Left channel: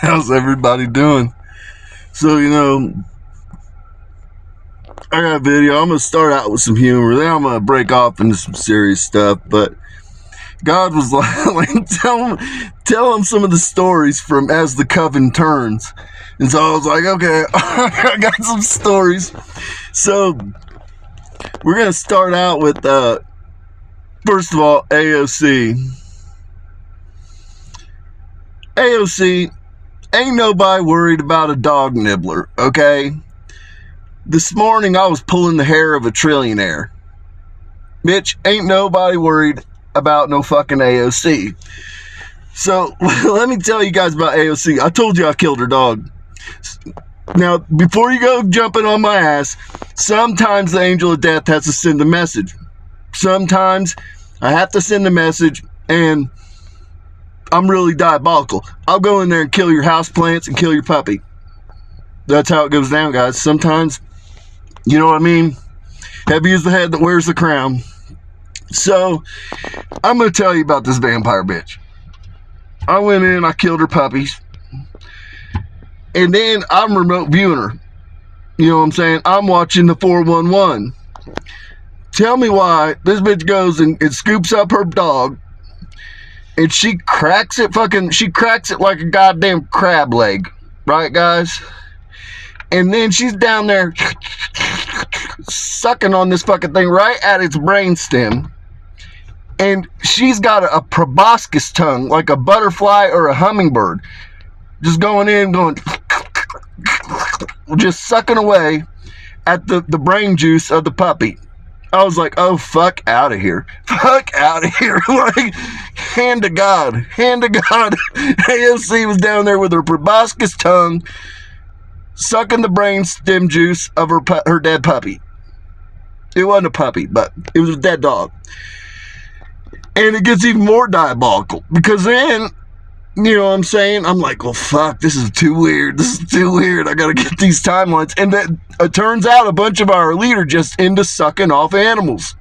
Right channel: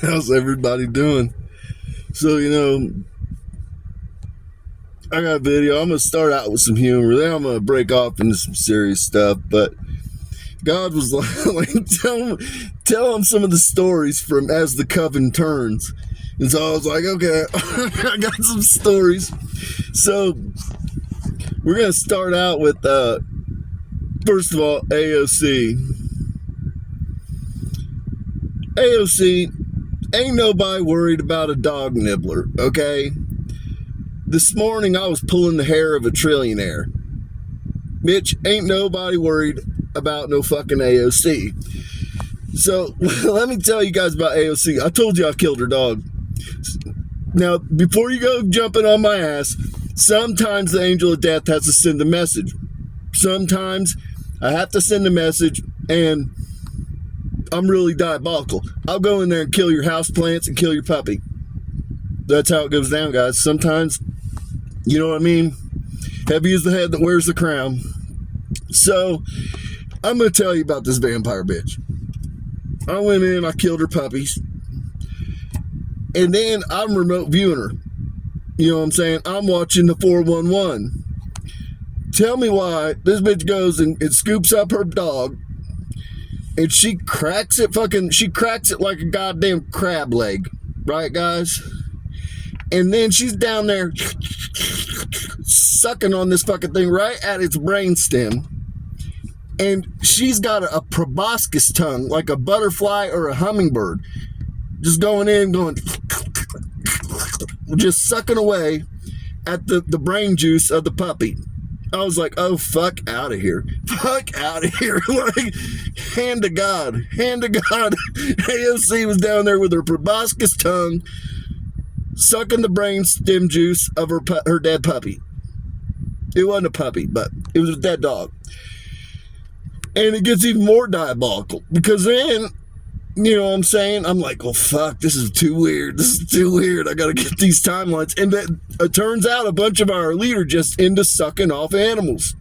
How's everybody doing? So, I got a video. I'm going to start out with some humor. Then I'm going to break off into some serious stuff. But God was like tell him some of the stories from As the Coven Turns. And so I was like, okay, I got some stories. So we're going to start out with, first of all, AOC. AOC, ain't nobody worried about a dog nibbler, okay? This morning I was pulling the hair of a trillionaire. Bitch, ain't nobody worried about no fucking AOC. So, let me tell you guys about AOC. I told you I killed her dog. Now, before you go jumping on my ass, sometimes the angel of death has to send a message. Sometimes I have to send a message and I'm really diabolical. I'll go in there and kill your houseplants and kill your puppy. That's how it goes down, guys. Sometimes, you know what I mean? Heavy is the head that wears the crown. So, I'm going to tell you about this vampire bitch. I went in, I killed her puppies. And then I'm remote viewing her. You know what I'm saying? I'm watching the 411. Tell me why this bitch goes and scoops up her dog. And she cracks it like a goddamn crab leg. Right, guys? And then she's down there sucking on this fucking thing right at its brainstem. And she's got a proboscis tongue, like a butterfly or a hummingbird. Just going in, just sucking away at the brain juice of the puppy. I was like, oh, fuck out of here. Fuck out of here. Like, hand to God. Hand to God. AOC was down there with her proboscis tongue, sucking the brain stem juice of her dead puppy. It wasn't a puppy, but it was a dead dog. And it gets even more diabolical because then, you know what I'm saying? I'm like, well, fuck, this is too weird. This is too weird. I got to get these timelines. And it turns out a bunch of our elite are just into sucking off animals.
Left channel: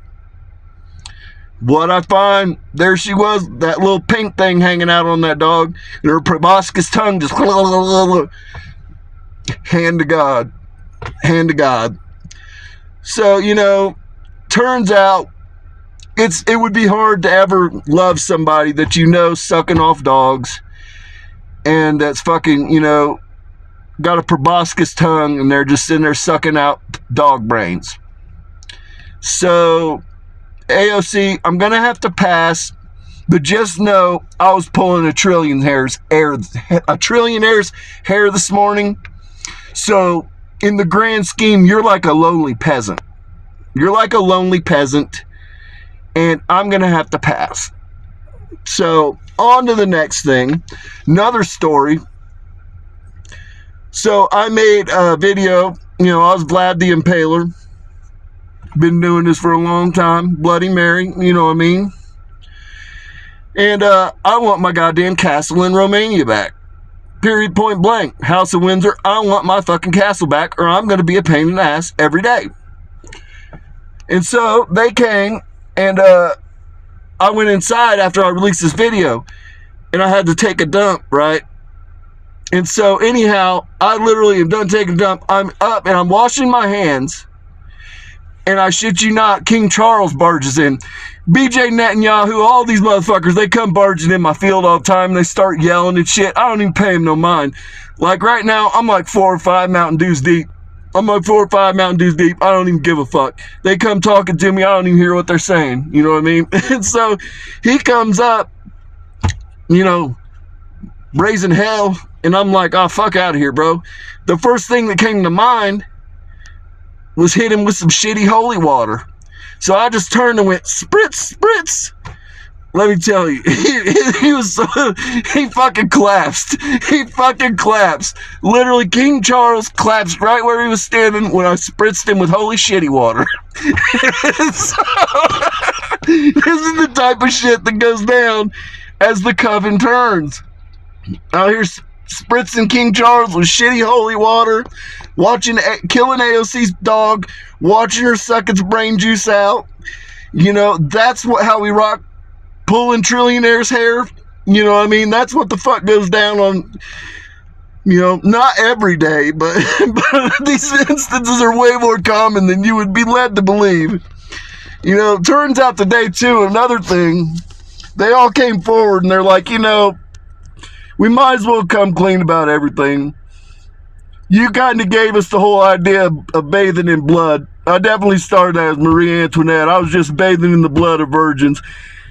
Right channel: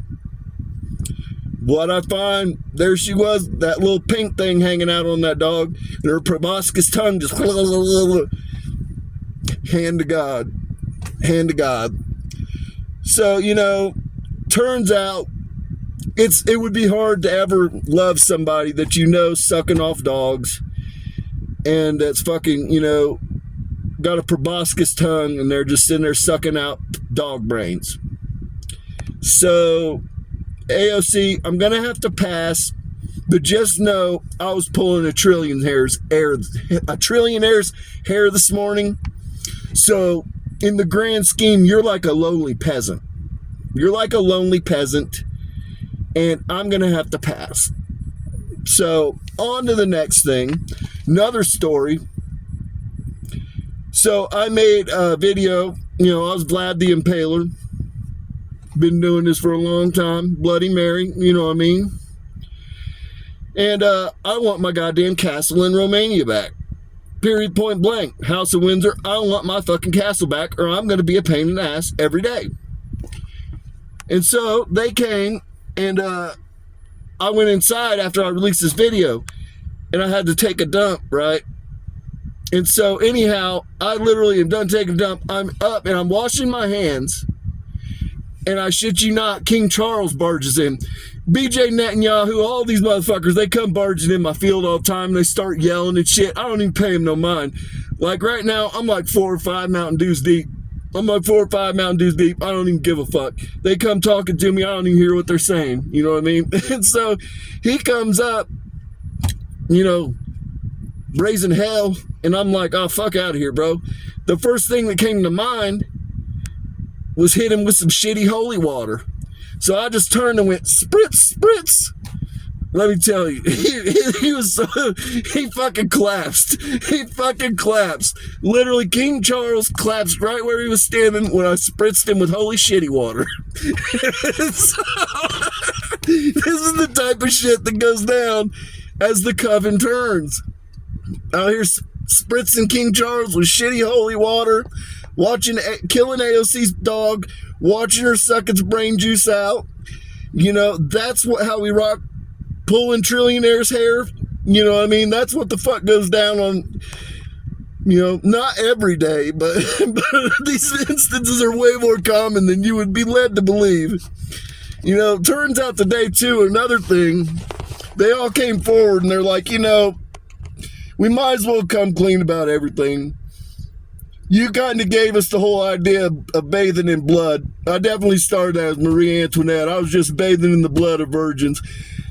What I find, there she was, that little pink thing hanging out on that dog, and her proboscis tongue just hand to God. Hand to God. So, turns out it would be hard to ever love somebody that sucking off dogs and that's fucking, got a proboscis tongue and they're just sitting there sucking out dog brains. So, AOC, I'm going to have to pass, but just know I was pulling a trillionaire's hair this morning. So, in the grand scheme, you're like a lonely peasant. You're like a lonely peasant, and I'm going to have to pass. So, on to the next thing. Another story. So, I made a video. I was Vlad the Impaler. Been doing this for a long time. Bloody Mary, you know what I mean? And I want my goddamn castle in Romania back. Period, point blank. House of Windsor, I want my fucking castle back or I'm going to be a pain in the ass every day. And so they came and I went inside after I released this video and I had to take a dump, right? And so anyhow, I literally am done taking a dump. I'm up and I'm washing my hands and I shit you not, King Charles barges in. BJ Netanyahu, all these motherfuckers, they come barging in my field all the time. They start yelling and shit. I don't even pay them no mind. Like right now, I'm like 4 or 5 Mountain Dews deep. I don't even give a fuck. They come talking to me. I don't even hear what they're saying. You know what I mean? And so he comes up, raising hell. And I'm like, oh, fuck out of here, bro. The first thing that came to mind was hit him with some shitty holy water. So I just turned and went, spritz, spritz. Let me tell you, he fucking collapsed. He fucking collapsed. Literally, King Charles collapsed right where he was standing when I spritzed him with holy shitty water. So, this is the type of shit that goes down as the Coven Turns. Out here spritzing King Charles with shitty holy water, killing AOC's dog, watching her suck its brain juice out. That's how we rock, pulling trillionaire's hair. You know what I mean? That's what the fuck goes down on Not every day, but these instances are way more common than you would be led to believe. Turns out today, too, another thing, they all came forward and they're like, we might as well come clean about everything. You kind of gave us the whole idea of bathing in blood. I definitely started as Marie Antoinette. I was just bathing in the blood of virgins.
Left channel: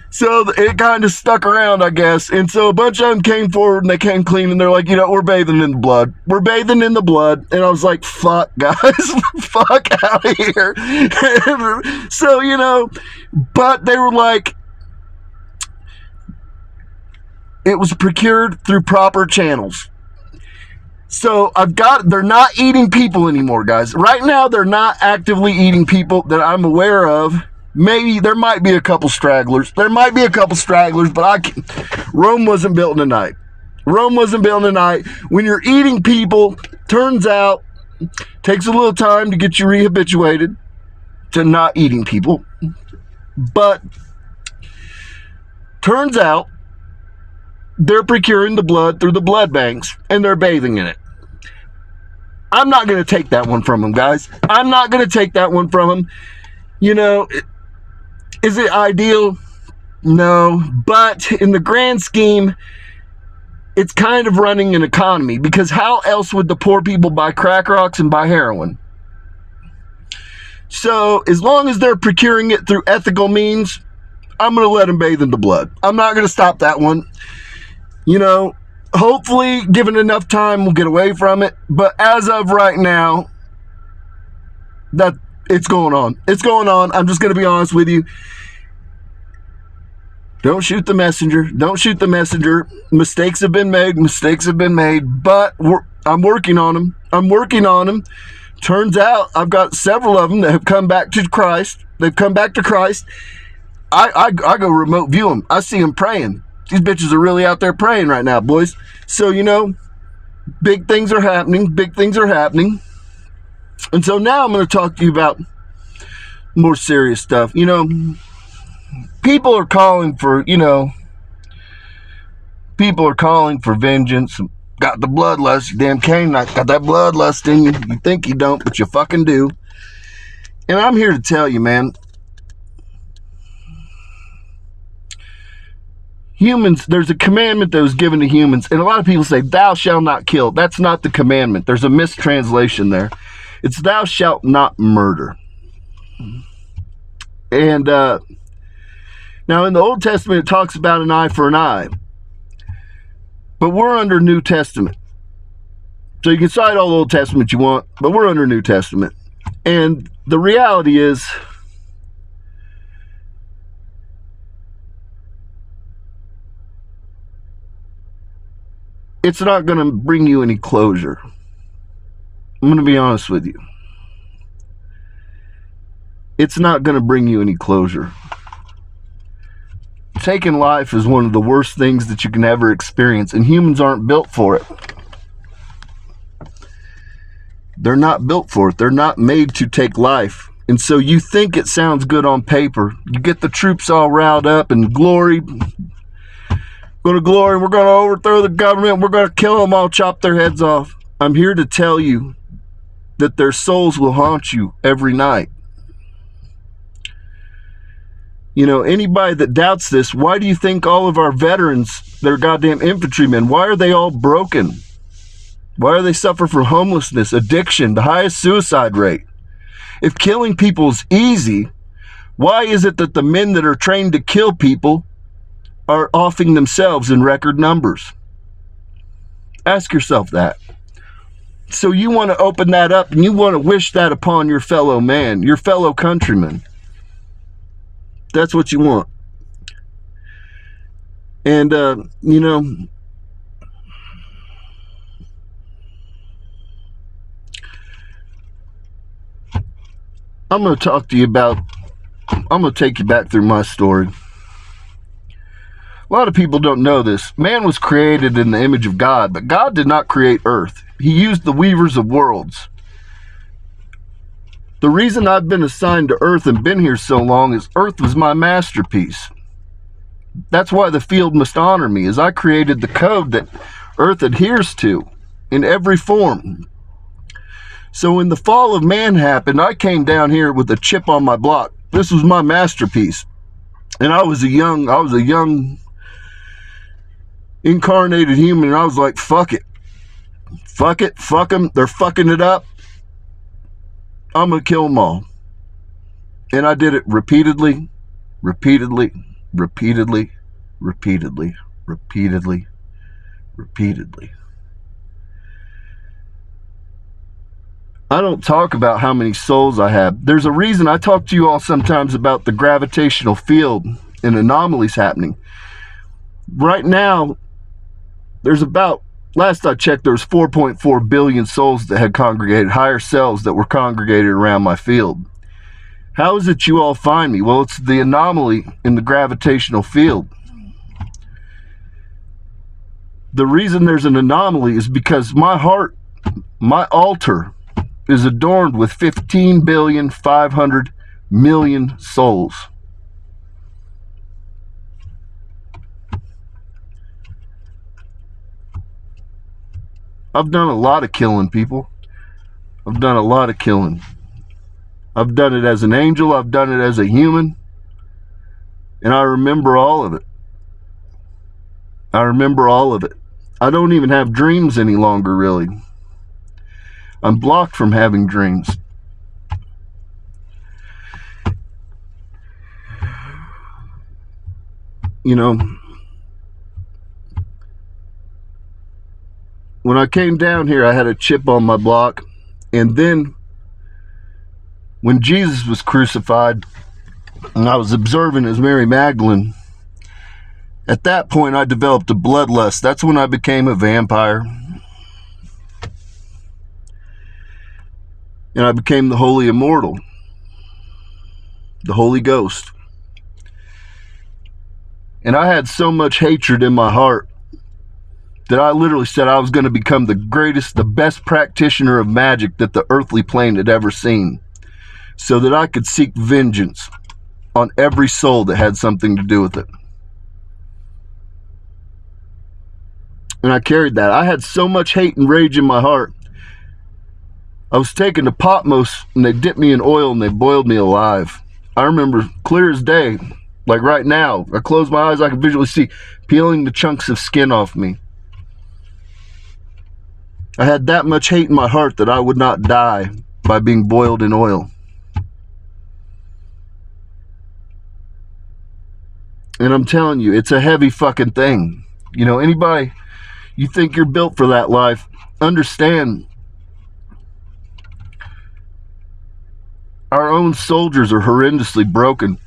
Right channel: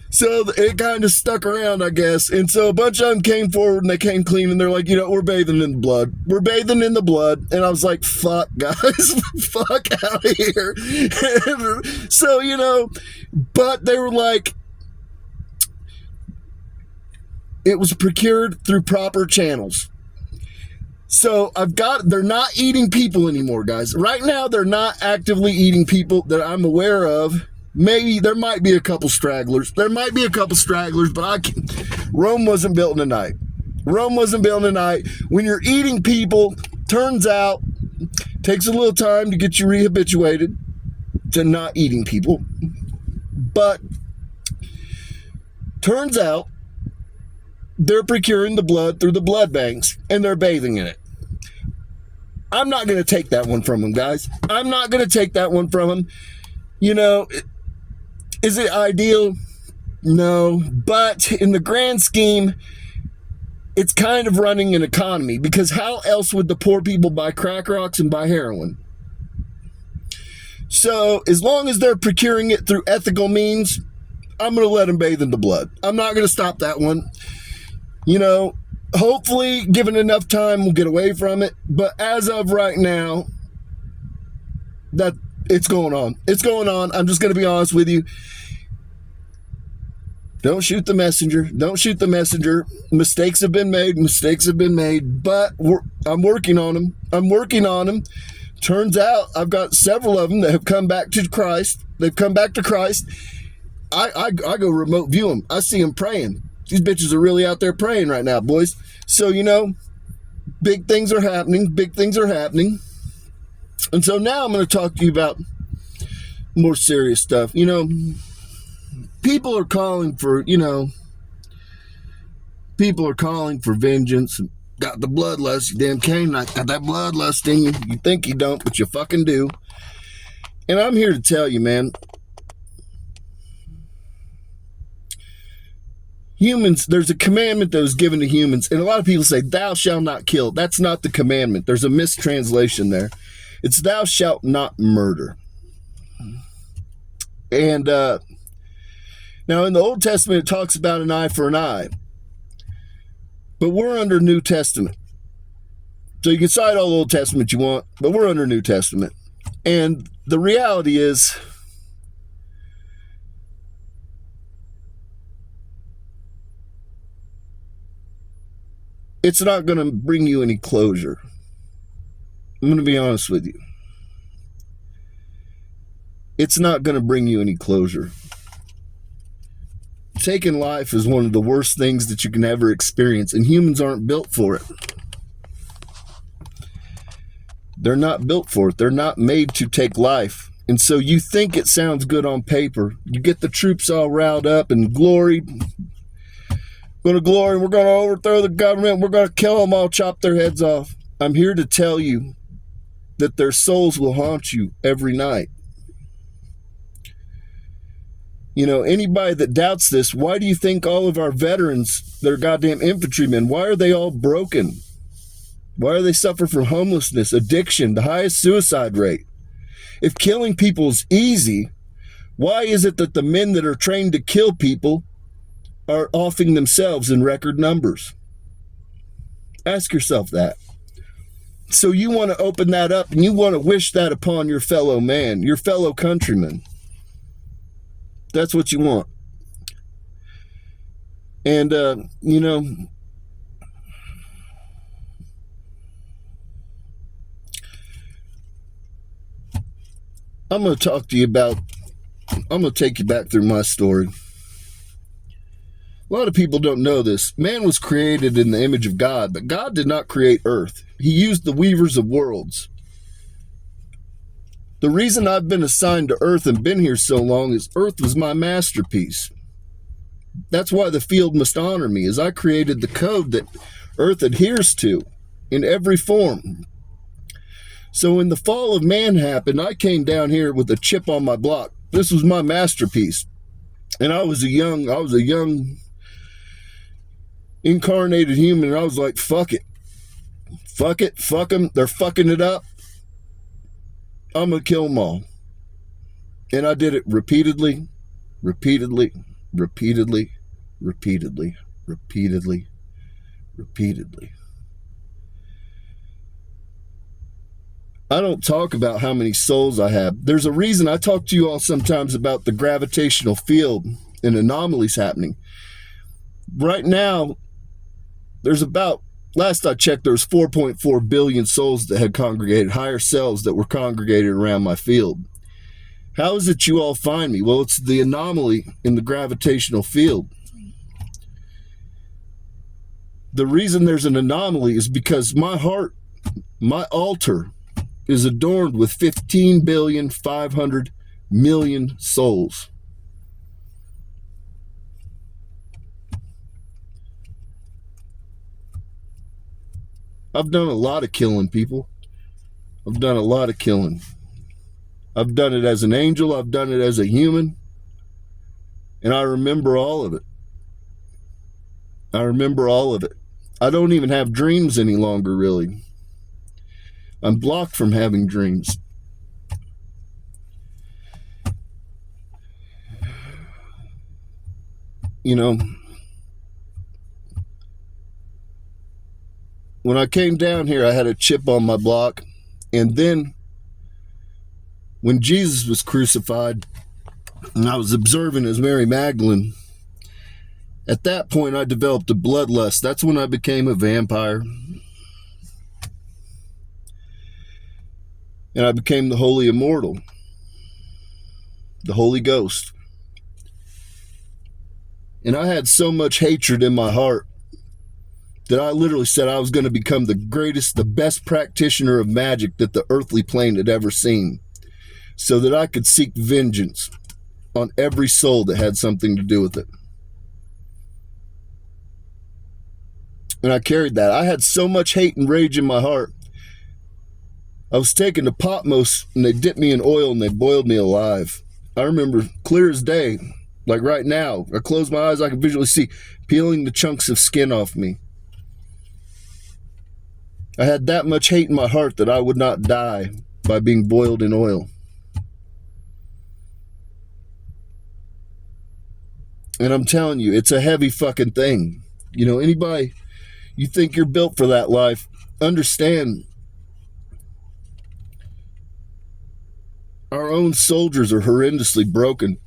So it kind of stuck around, I guess. And so a bunch of them came forward and they came clean and they're like, we're bathing in the blood. We're bathing in the blood. And I was like, fuck, guys. Fuck out of here. So, but they were like, it was procured through proper channels. So they're not eating people anymore, guys. Right now, they're not actively eating people that I'm aware of. Maybe there might be a couple stragglers. But Rome wasn't built in a night. When you're eating people, turns out, takes a little time to get you rehabituated to not eating people. But turns out, they're procuring the blood through the blood banks, and they're bathing in it. I'm not going to take that one from them, guys. I'm not going to take that one from them. Is it ideal? No. But in the grand scheme, it's kind of running an economy, because how else would the poor people buy crack rocks and buy heroin? So as long as they're procuring it through ethical means, I'm going to let them bathe in the blood. I'm not going to stop that one. Hopefully, given enough time, we'll get away from it. But as of right now, that it's going on. It's going on. I'm just going to be honest with you. Don't shoot the messenger. Mistakes have been made. But I'm working on them. Turns out I've got several of them that have come back to Christ. I go remote view them. I see them praying. These bitches are really out there praying right now, boys. So, big things are happening. And so now I'm going to talk to you about more serious stuff. People are calling for vengeance. Got the bloodlust, you damn Canaanite. Got that bloodlust in you. You think you don't, but you fucking do. And I'm here to tell you, man. Humans, there's a commandment that was given to humans, and a lot of people say, thou shalt not kill. That's not the commandment. There's a mistranslation there. It's thou shalt not murder. And now in the Old Testament, it talks about an eye for an eye. But we're under New Testament. So you can cite all the Old Testament you want, but we're under New Testament. And the reality is, it's not going to bring you any closure. I'm going to be honest with you. It's not going to bring you any closure. Taking life is one of the worst things that you can ever experience, and humans aren't built for it. They're not built for it. They're not made to take life. And so you think it sounds good on paper. You get the troops all riled up and glory. We're going to overthrow the government. We're going to kill them all, chop their heads off. I'm here to tell you that their souls will haunt you every night. Anybody that doubts this, why do you think all of our veterans, they're goddamn infantrymen, why are they all broken? Why do they suffer from homelessness, addiction, the highest suicide rate? If killing people is easy, why is it that the men that are trained to kill people are offing themselves in record numbers? Ask yourself that. So you want to open that up and you want to wish that upon your fellow man, your fellow countryman. That's what you want. And, I'm going to take you back through my story. A lot of people don't know this. Man was created in the image of God, but God did not create earth. He used the weavers of worlds. The reason I've been assigned to earth and been here so long is earth was my masterpiece. That's why the field must honor me, as I created the code that earth adheres to. in every form. So when the fall of man happened, I came down here with a chip on my block. This was my masterpiece. And I was a young incarnated human, and I was like, fuck it. Fuck it, fuck them. They're fucking it up. I'm going to kill them all. And I did it repeatedly, repeatedly, repeatedly, repeatedly, repeatedly, repeatedly. I don't talk about how many souls I have. There's a reason I talk to you all sometimes about the gravitational field and anomalies happening. Right now, there's about, last I checked, there was 4.4 billion souls that had congregated, higher selves that were congregated around my field. How is it you all find me? Well, it's the anomaly in the gravitational field. The reason there's an anomaly is because my heart, my altar, is adorned with 15,500,000,000 souls. I've done a lot of killing, people. I've done a lot of killing. I've done it as an angel. I've done it as a human. And I remember all of it. I remember all of it. I don't even have dreams any longer, really. I'm blocked from having dreams. You know, when I came down here, I had a chip on my block. And then when Jesus was crucified and I was observing as Mary Magdalene, at that point I developed a bloodlust. That's when I became a vampire. And I became the Holy Immortal, the Holy Ghost. And I had so much hatred in my heart that I literally said I was going to become the greatest, the best practitioner of magic that the earthly plane had ever seen, so that I could seek vengeance on every soul that had something to do with it. And I carried that. I had so much hate and rage in my heart. I was taken to Patmos, and they dipped me in oil and they boiled me alive. I remember clear as day, like right now. I close my eyes, I can visually see peeling the chunks of skin off me. I had that much hate in my heart that I would not die by being boiled in oil. And I'm telling you, it's a heavy fucking thing. You know, anybody, you think you're built for that life, understand our own soldiers are horrendously broken.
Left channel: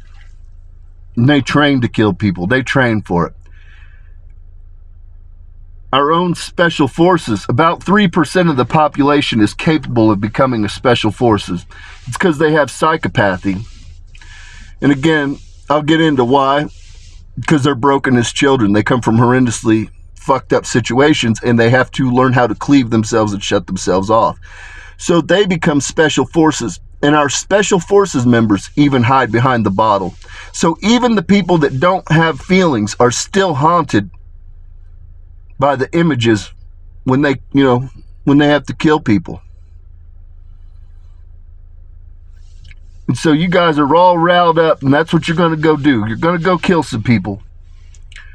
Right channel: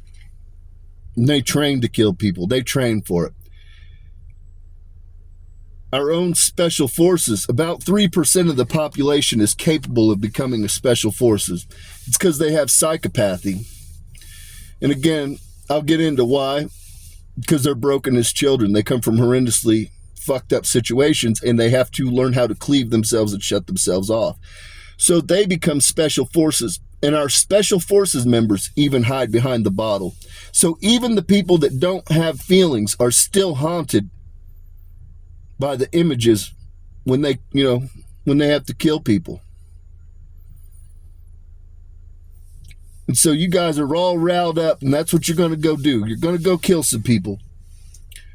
And they train to kill people. They train for it. Our own special forces, about 3% of the population is capable of becoming a special forces. It's because they have psychopathy. And again, I'll get into why. Because they're broken as children. They come from horrendously fucked up situations, and they have to learn how to cleave themselves and shut themselves off. So they become special forces. And our special forces members even hide behind the bottle. So even the people that don't have feelings are still haunted by the images when they, when they have to kill people. And so you guys are all riled up, and that's what you're going to go do. You're going to go kill some people.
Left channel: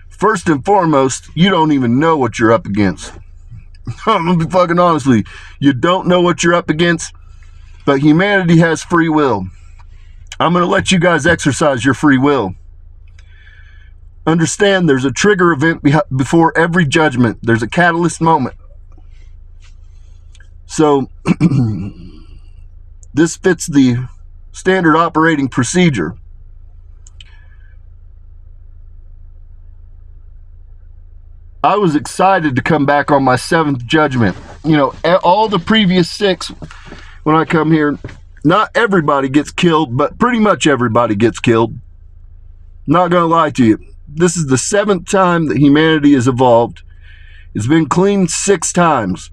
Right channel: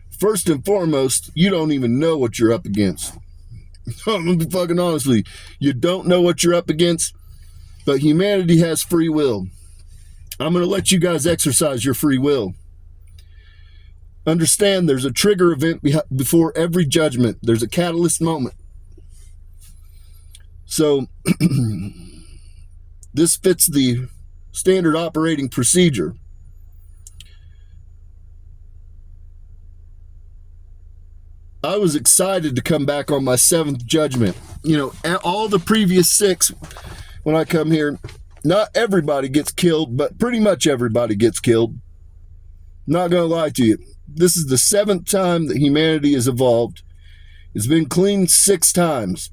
First and foremost, you don't even know what you're up against. I'm going to be fucking honest with you. You don't know what you're up against. But humanity has free will. I'm going to let you guys exercise your free will. Understand there's a trigger event before every judgment. There's a catalyst moment. So, this fits the standard operating procedure. I was excited to come back on my 7th judgment. All the previous 6... when I come here, not everybody gets killed, but pretty much everybody gets killed. Not going to lie to you. This is the 7th time that humanity has evolved. It's been cleaned 6 times.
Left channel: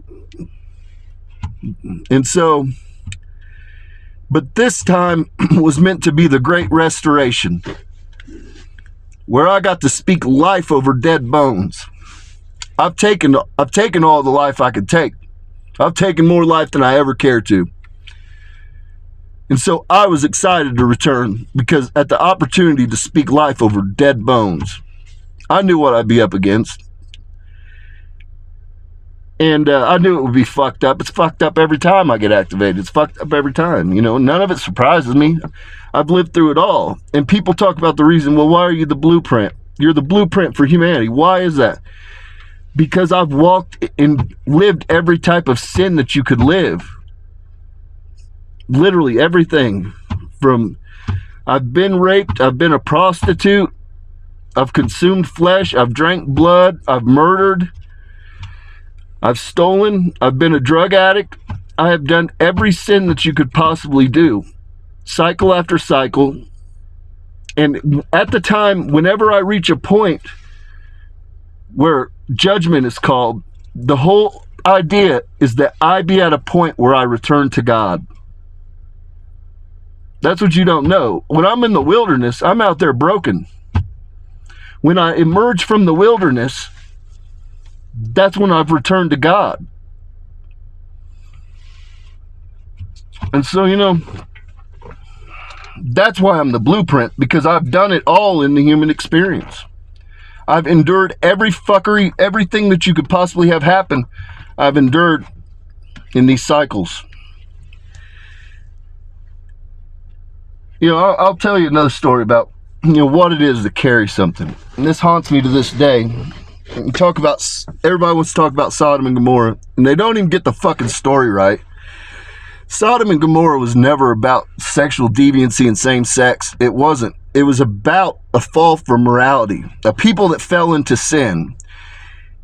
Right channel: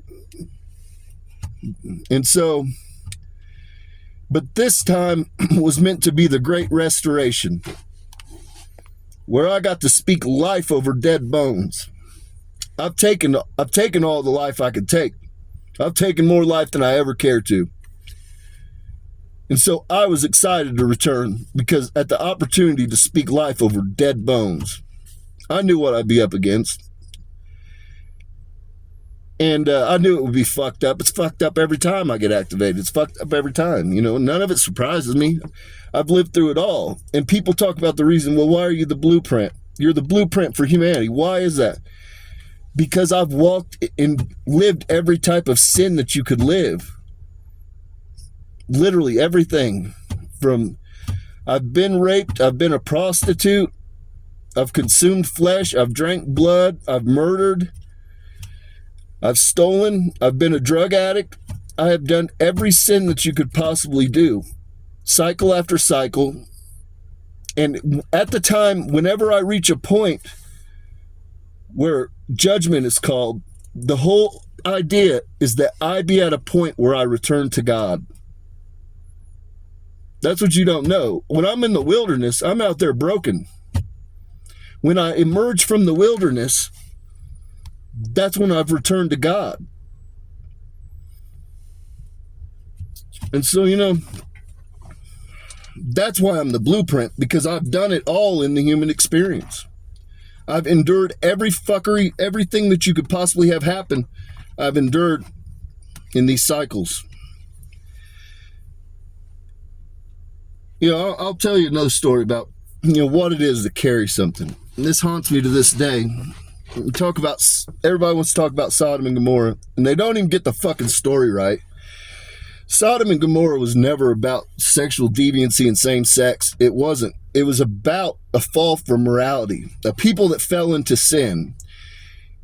And so, but this time was meant to be the great restoration, where I got to speak life over dead bones. I've taken all the life I could take. I've taken more life than I ever care to. And so I was excited to return because at the opportunity to speak life over dead bones, I knew what I'd be up against. And I knew it would be fucked up. It's fucked up every time I get activated. It's fucked up every time. You know, none of it surprises me. I've lived through it all. And people talk about the reason, well, why are you the blueprint? You're the blueprint for humanity. Why is that? Because I've walked and lived every type of sin that you could live. Literally everything. From I've been raped, I've been a prostitute, I've consumed flesh, I've drank blood, I've murdered, I've stolen, I've been a drug addict. I have done every sin that you could possibly do, cycle after cycle. And at the time, whenever I reach a point where judgment is called, the whole idea is that I be at a point where I return to God. That's what you don't know. When I'm in the wilderness, I'm out there broken. When I emerge from the wilderness, that's when I've returned to God. And so, you know, that's why I'm the blueprint, because I've done it all in the human experience. I've endured every fuckery, everything that you could possibly have happen, I've endured in these cycles. You know, I'll tell you another story about, you know, what it is to carry something. And this haunts me to this day. Everybody wants to talk about Sodom and Gomorrah, and they don't even get the fucking story right. Sodom and Gomorrah was never about sexual deviancy and same sex. It wasn't. It was about a fall from morality, a people that fell into sin.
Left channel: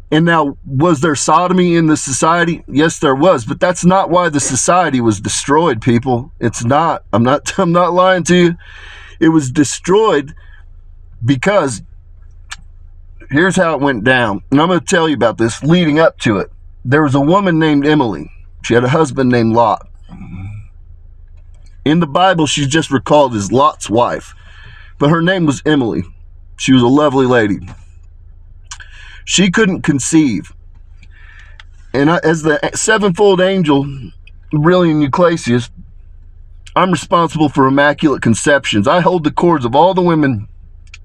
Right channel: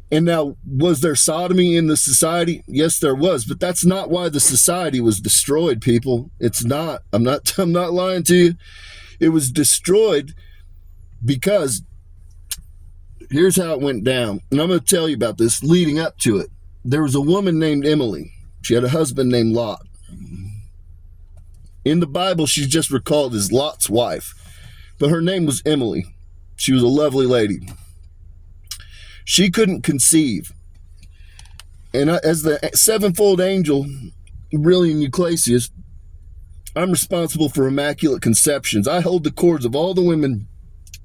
And now, was there sodomy in the society? Yes, there was, but that's not why the society was destroyed, people. It's not. I'm not lying to you. It was destroyed because here's how it went down. And I'm going to tell you about this leading up to it. There was a woman named Emily. She had a husband named Lot. In the Bible, she's just recalled as Lot's wife, but her name was Emily. She was a lovely lady. She couldn't conceive. And as the sevenfold angel, Brilliant Euclasius, I'm responsible for immaculate conceptions. I hold the cords of all the women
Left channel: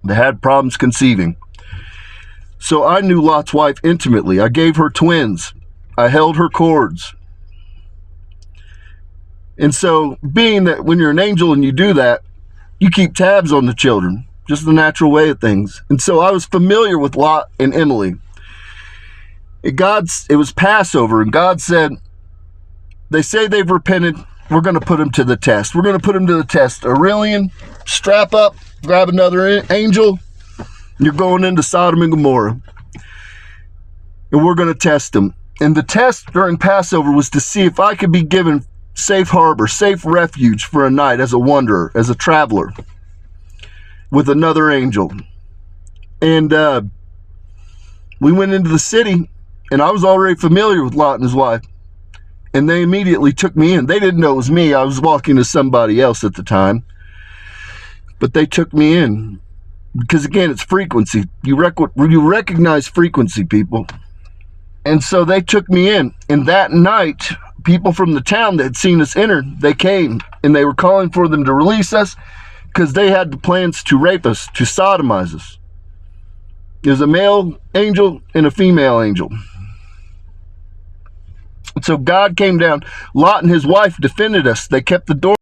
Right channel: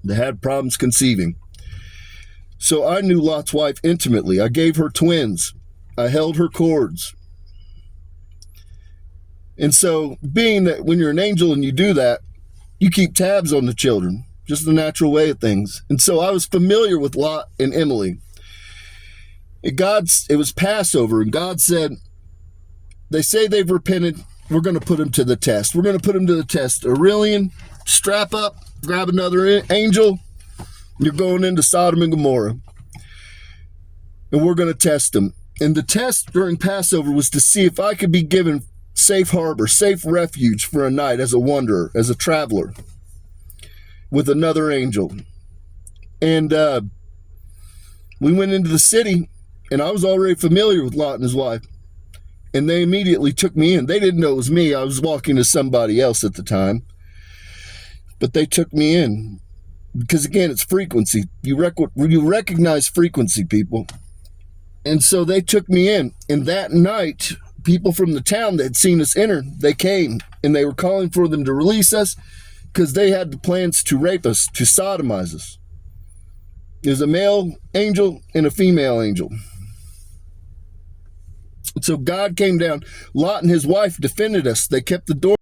that had problems conceiving. So I knew Lot's wife intimately. I gave her twins. I held her cords. And so, being that when you're an angel and you do that, you keep tabs on the children. Just the natural way of things. And so I was familiar with Lot and Emily. It was Passover, and God said, they say they've repented. We're going to put them to the test. We're going to put them to the test. Aurelian, strap up, grab another angel. You're going into Sodom and Gomorrah. And we're going to test them. And the test during Passover was to see if I could be given safe harbor, safe refuge for a night as a wanderer, as a traveler, with another angel. And we went into the city, and I was already familiar with Lot and his wife. And they immediately took me in. They didn't know it was me. I was walking to somebody else at the time. But they took me in. Because again, it's frequency. You recognize frequency, people. And so they took me in. And that night, people from the town that had seen us enter, they came. And they were calling for them to release us, because they had the plans to rape us, to sodomize us. There's a male angel and a female angel. So God came down. Lot and his wife defended us. They kept the door